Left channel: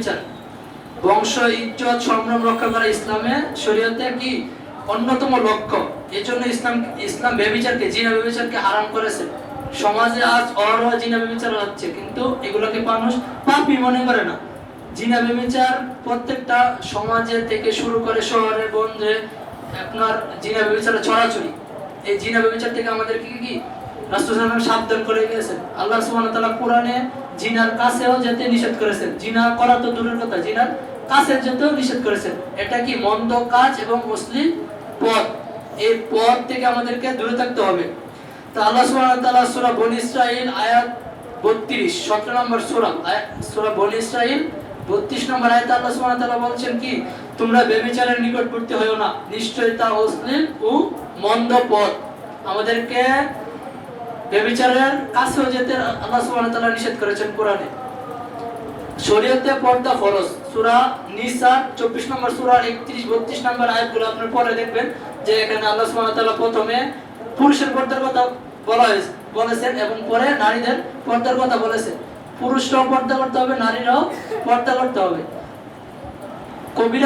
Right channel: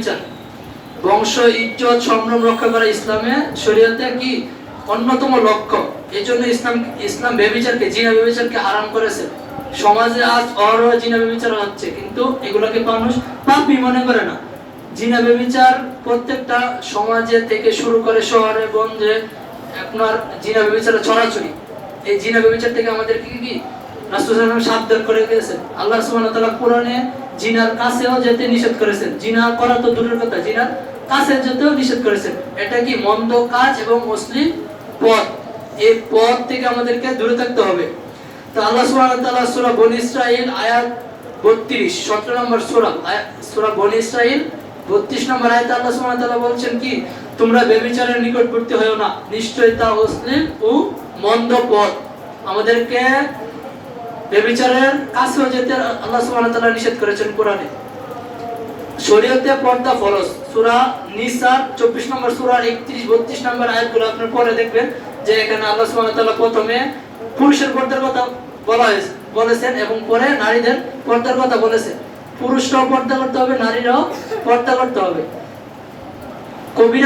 বিচার, বংশ ইজ্জত সম্ভ্রম রক্ষা করা ইসলামে শরীয়তে কি অন্যতম লক্ষ্য। এই জন্য ইসলাম ব্যভিচারকে, জিনা ব্যভিচারকে হারাম করেছে। সমাজে আজ অহরহ জিনা ব্যভিচার হচ্ছে, কিন্তু এগুলোকে মানুষ পাপই মনে করে না। জিনা ব্যভিচার প্রত্যেকটা সমাজে থেকে শুরু করে শহরে গঞ্জে আপনার জিনা ব্যভিচারে ছড়াছড়ি। এই জিনা ব্যভিচার থেকে আমাদের কি কি রাসূল সাল্লাল্লাহু আলাইহি ওয়াসাল্লাম সাবধান করে গেছেন। আল্লাহ সুবহানাহু ওয়া তাআলা কোরআনে জিনার কাছেও যেতে নিষেধ করেছেন। জিনা করা তো দূরের কথা, জিনার কাছে যেতেও নিষেধ করেছেন। এটা কি মন্দ কাজ এবং অশ্লীল পথ। এই পথ থেকে আমাদেরকে দূরে থাকতে হবে। তো আল্লাহ সুবহানাহু ওয়া তাআলা সূরা বনী ইসরাঈল আয়াত 32 17 নম্বর সূরা বনী ইসরাঈল 32 নম্বর আয়াতে আল্লাহ সুবহানাহু ওয়া তাআলা বলছেন কি, তোমরা ব্যভিচারের নিকটবর্তী হয়ো না, নিশ্চয়ই তা অশ্লীল ও মন্দ পথ। আমাদেরকে ব্যভিচারের কাছেও যেতে আল্লাহ সুবহানাহু ওয়া তাআলা নিষেধ করেছেন কোরআনে। শরীয়তে পর্দা ফরজ। সূরা নিসা 24 নম্বর সূরার 31 32 নম্বর আয়াতগুলো আপনি পড়ে দেখবেন যে এখানে আল্লাহ সুবহানাহু ওয়া তাআলা প্রথমে পুরুষের পর্দার কথা বলেছেন এবং পরে নারীদের পর্দার কথা বলেছেন। পুরুষরাও পর্দা করতে হবে, নারীরাও পর্দা করতে হবে। কবিরা